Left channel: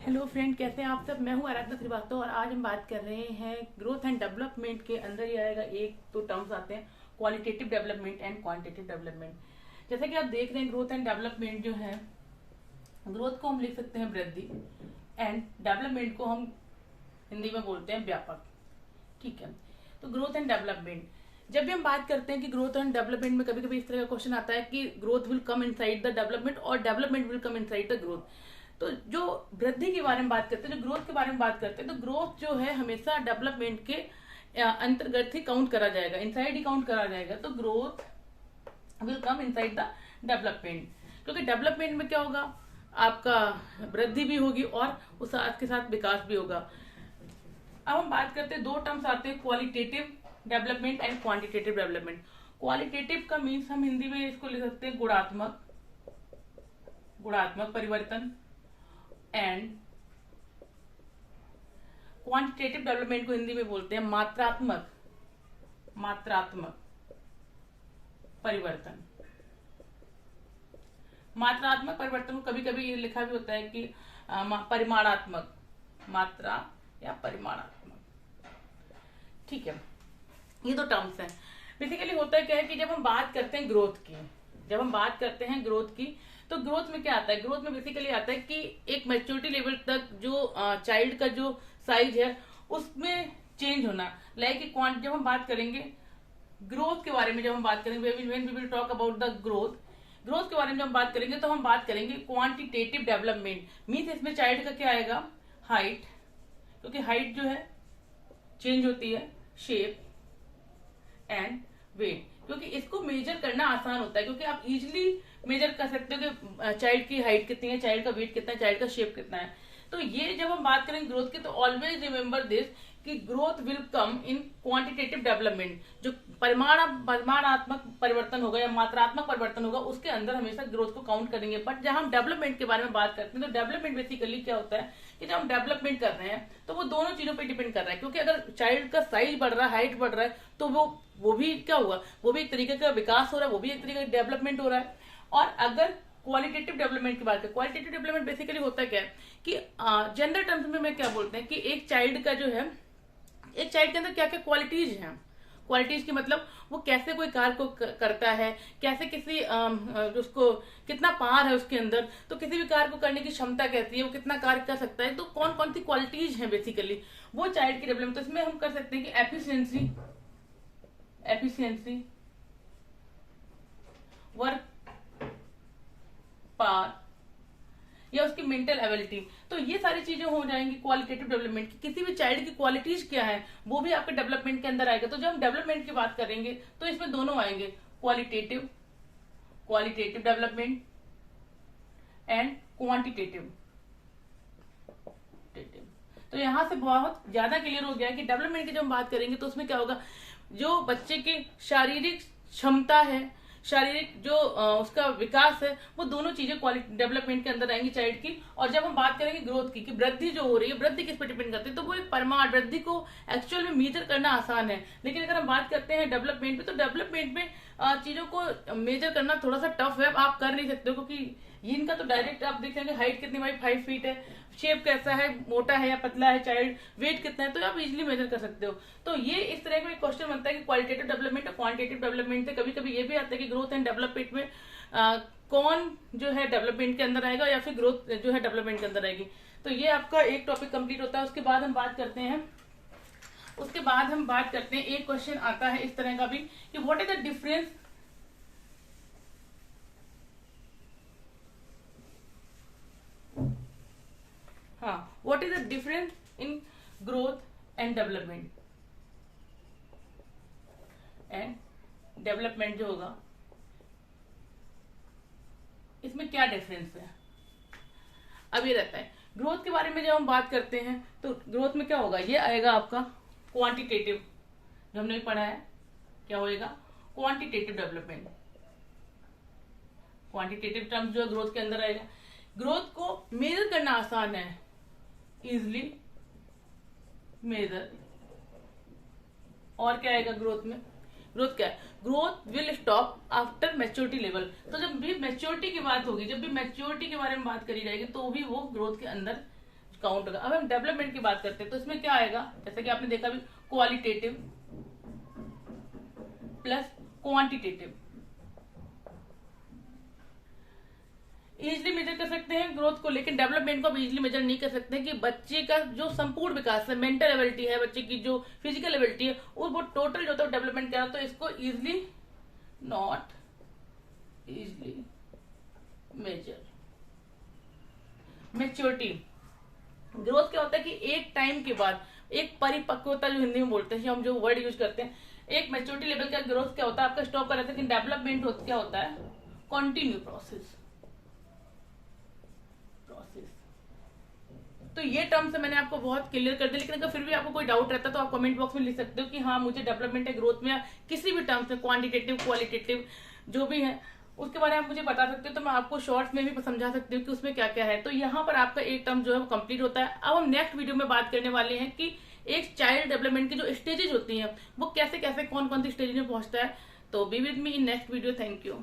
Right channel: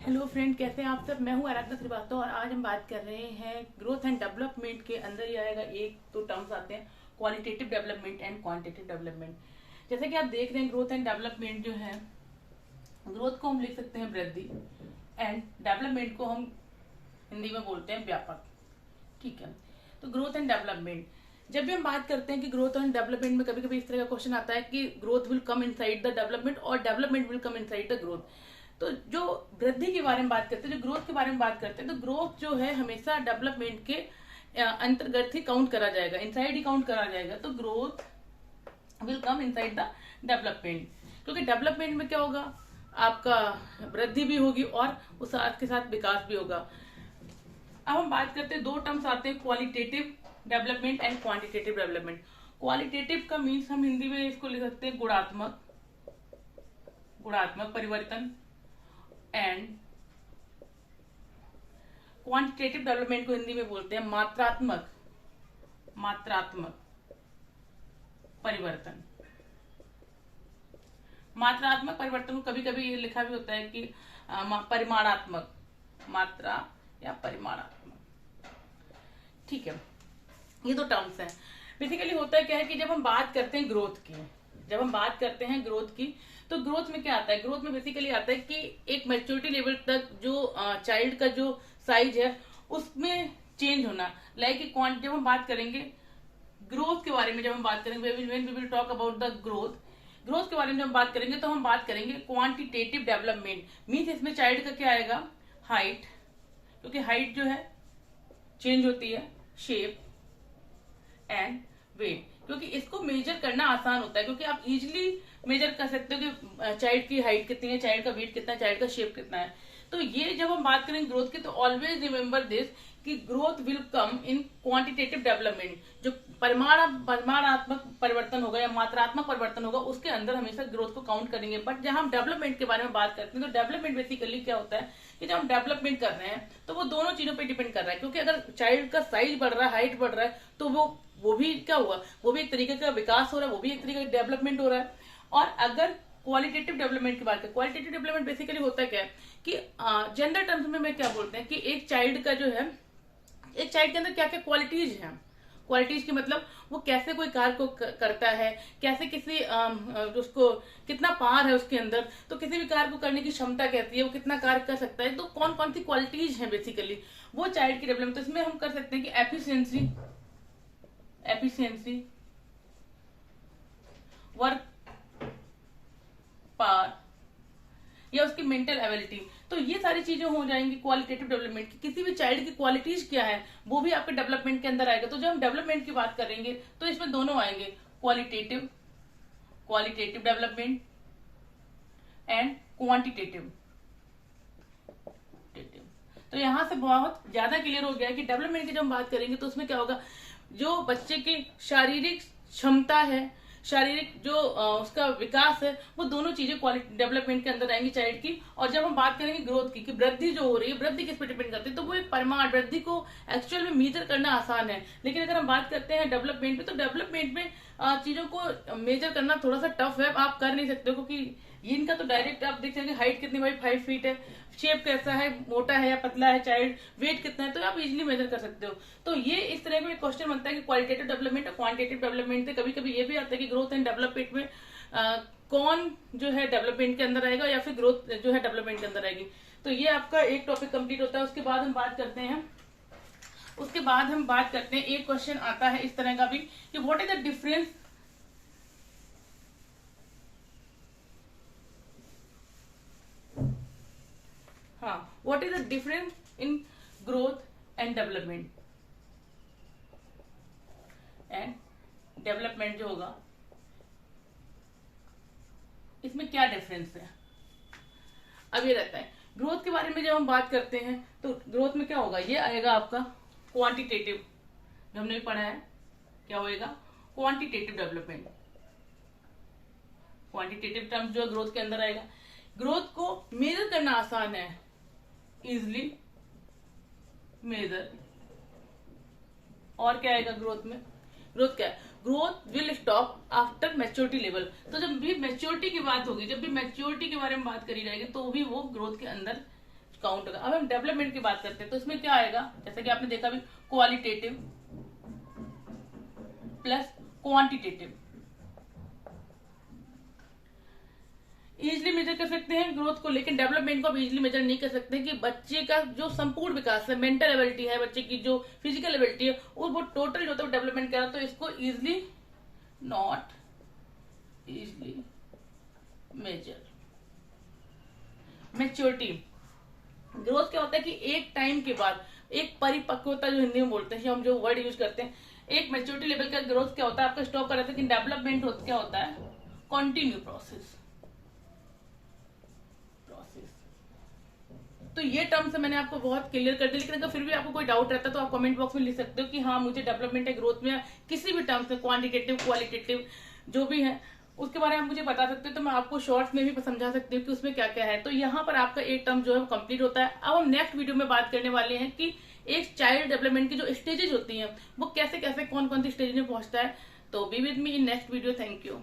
Hello friend, कैसे हैं आप सब। मैं हूं आराधना श्रीवास्तव और आज हम बात कर रहे हैं ग्रोथ एंड डेवलपमेंट के अंदर ही आएगा एक तो टर्म्स आते हैं qualitative development and quantitative development. जैसे कि आप देख रहे हैं ग्रोथ एंड डेवलपमेंट जो है, ग्रोथ को हम लिख सकते हैं वृद्धि एंड डेवलपमेंट को हम हिंदी में बोलते हैं व्यापक। ठीक है, तो ग्रोथ एंड डेवलपमेंट जब भी हम बात करते हैं कि ग्रोथ एंड डेवलपमेंट में कभी कभी इस तरह का क्वेश्चन आता है कि growth will come inside the development और development will come inside the growth. तो जो वृद्धि के बारे में बात करते हैं, जो ग्रोथ के बारे में बात करते हैं, तो ग्रोथ जो है हमेशा डेवलपमेंट के अंतर्गत ही काउंट करा जाएगा, इनसाइड ही काउंट करा जाएगा। तो growth will come inside the development, क्योंकि डेवलपमेंट में क्या होगा, आपका वृद्धि भी होगी और उस साथ के साथ विकास भी होगा। अब हम बात करते हैं, दो टर्म्स आते हैं qualitative development and quantitative development. Qualitative का मीन्स हम हिंदी में इसको लिख सकते हैं गुणात्मक परिवर्तन एंड क्वांटिटेटिव डेवलपमेंट को हिंदी में बोलते हैं मात्रात्मक परिवर्तन। मात्रात्मक परिवर्तन को कभी कभी ये लिखा भी होता है कि परिमाणात्मक, मात्रा या परिमाणात्मक। ठीक है, ये दो टर्म्स हैं। बेसिकली होता है क्या है कि जब हम बात करते हैं ग्रोथ की, तो ग्रोथ में क्या आता है, ग्रोथ में बेसिकली आता है कि एक मैच्योरिटी लेवल तक जो चाइल्ड का जो साइज है उसमें चेंज होना। लाइक जब हम बात करेंगे ग्रोथ के बारे में, जब हम बात करेंगे when we will talk about the growth के बारे में जब हम बात करेंगे, तो हम बात करेंगे क्वांटिटेटिव डेवलपमेंट। मीन्स इसमें चाइल्ड का क्या आएगा, हाइट, क्योंकि हाइट जो है चेंज होती है, शेप एंड वेट, क्योंकि इसको मेजर करना आसान होता है, क्योंकि आप इजिली मेजर कर सकते हो कि चाइल्ड की हाइट कितनी है, चाइल्ड का वेट कितना है, चाइल्ड का शेप कितना है। तो ये जब हम बात करेंगे ग्रोथ की, तो ऑलवेज रिमेंबर दिस कि growth will come in quantitative development. जो परिमाणात्मक परिवर्तन होगा या मात्रात्मक परिवर्तन होगा, उसके अंदर हमेशा ग्रोथ को काउंट करेंगे। बट जहां हम डेवलपमेंट के बारे में बात करते हैं, तो डेवलपमेंट बेसिकली क्या होता है कि जब हम डेवलपमेंट कर रहे हैं तो वो दोनों चीजों पे डिपेंड कर रहा है। क्योंकि अगर चाइल्ड का साइज बढ़ रहा है, हाइट बढ़ रहा है, तो वो भी क्या हुआ, वो भी एक तरीके का विकास हो रहा है, वो भी एक तरीके का डेवलपमेंट हो रहा है। और अगर क्वालिटेटिव डेवलपमेंट की बात करें, क्वालिटेटिव डेवलपमेंट बेसिकली होता क्या है कि जनरल टर्म्स में मैं क्या बोलते हैं कि एक चाइल्ड का जो है, एक चाइल्ड के अंदर क्या क्या क्वालिटीज हैं। क्वालिटीज की मतलब वो कैसे कोई कार्य को करता है, कैसे किसी उसको कितना पावर है उसके अंदर, तो किसी भी कार्य को करने की क्षमता कैसी है, वो कितना कार्य कर सकता है, तो कौन कौन सी क्वालिटीज हैं बेसिकली वो चाइल्ड की डेवलपमेंट। तो इसमें हम कर सकते हैं कि एफिशिएंसी, वर्क पावर या उसकी मेंटल एबिलिटी। तो ये सारी चीजें हो जाएंगी क्वालिटेटिव डेवलपमेंट की। किसी भी चाइल्ड की क्वालिटीज क्या है वो भी आपके डेवलपमेंट के अंदर आएगा। तो जब हम डेवलपमेंट की बात करेंगे तो इसमें दोनों आएंगे, क्वालिटेटिव डेवलपमेंट एंड क्वांटिटेटिव। तो यहां से बहुत ज्यादा क्लियर हो गया कि डेवलपमेंट की जब हम बात करेंगे तो उसमें क्या होगा, जो बच्चे की शारीरिक क्षमता है, शारीरिक जो उसका विकास है, वो दोनों चीजें क्वालिटी डेवलपमेंट के अंदर आएंगी चाइल्ड की। और जब हम बात करेंगे ग्रोथ की कि वृद्धि जो हो रही है, वृद्धि किस पर डिपेंड करती है, तो वो एक परिमाण, वृद्धि को एक्चुअल में मेजर करना आसान है। लेकिन अगर हम बात करते हैं डेवलपमेंट में, तो डेवलपमेंट में चीजों को मेजर करना थोड़ा सा टफ है, आप कर नहीं सकते, क्योंकि इनका तो डायरेक्ट आप देख सकेंगे हाइट कितनी भाई 5 फीट है, शेप कैसा है, मोटा है या पतला है चाइल्ड, वेट कितना है, तो आप इजिली मेजर कर सकते हो। तो ये इस तरह का क्वेश्चन बनता है कि क्वालिटेटिव डेवलपमेंट और क्वांटिटेटिव डेवलपमेंट से कभी कभी ये भी आता है कि ग्रोथ एंड डेवलपमेंट में कौन जो है डेवलपमेंट के अंदर आएगा या फिर ग्रोथ जो है डेवलपमेंट के अंदर आएगी। तो ये आपका एक टॉपिक कंप्लीट होता है। उसके बाद हम बात करते हैं एक क्वेश्चन आता है इस तरह का भी कि what is the difference what is the difference in growth and development जो होगा, इसमें क्या डिफरेंस है। अब ये रहता है ग्रोथ के बारे में जब हम बात करते हैं, तो ग्रोथ में क्या होगा, ये आएगा आपका क्वांटिटेटिव, जो हमने पढ़ा है क्या होएगा, क्वांटिटेटिव डेवलपमेंट। क्वांटिटेटिव टर्म्स जो ग्रोथ के अंदर आएगा, ग्रोथ को मेजर करना आसान है, इजिली मेजर। और क्या आएगा ग्रोथ में, ग्रोथ क्या है, growth will stop after maturity level. तो जब भी मैच्योरिटी की बात होगी, जब भी मैच्योरिटी के बारे में बात करी जाएगी, तो भी वो ग्रोथ के अंदर काउंट होगा। अब हम डेवलपमेंट की बात करते हैं तो इसमें क्या आएगा, जैसे कि आपने देखा भी, qualitative plus quantitative. Easily measure कर सकते हैं ग्रोथ को, लेकिन डेवलपमेंट को आप इजिली मेजर नहीं कर सकते कि बच्चे का जो संपूर्ण विकास है, मेंटल एबिलिटी है, बच्चे की जो फिजिकल एबिलिटी है, वो टोटल जो है डेवलपमेंट करा, तो इसको easily not easily measure. Maturity, growth क्या होता है कि एक टाइम के बाद एक परिपक्वता, जो हिंदी में बोलते हैं, हम जो वर्ड यूज करते हैं, एक मैच्योरिटी लेवल का ग्रोथ क्या होता है आपका स्टॉप कर रहता है, लेकिन डेवलपमेंट क्या होता है, कंटिन्यू प्रोसेस। तो ये टर्म्स मैंने आपको बहुत क्लियर कर दिया, लेकिन अगर फिर भी आपको कोई डाउट रहता है तो आप कमेंट बॉक्स में लिख सकते हो कि हाँ मुझे डेवलपमेंट है ग्रोथ में, किसी भी टर्म्स में, क्वांटिटेटिव क्वालिटेटिव जो भी है उसके बारे में आप मुझे बता सकते हो, तो मैं आपको शॉर्ट्स में भी समझा सकती हूँ कि उसमें क्या क्या है। तो यहाँ पर आपका एक टर्म जो है कंप्लीट होता है। अब हम नेक्स्ट वीडियो में बात करने वाले हैं कि एक चाइल्ड डेवलपमेंट की जो स्टेजेस होती हैं वो कैसे कैसे कौन कौन सी स्टेज में पहुंचता है। तो be with me in next video. Thank you.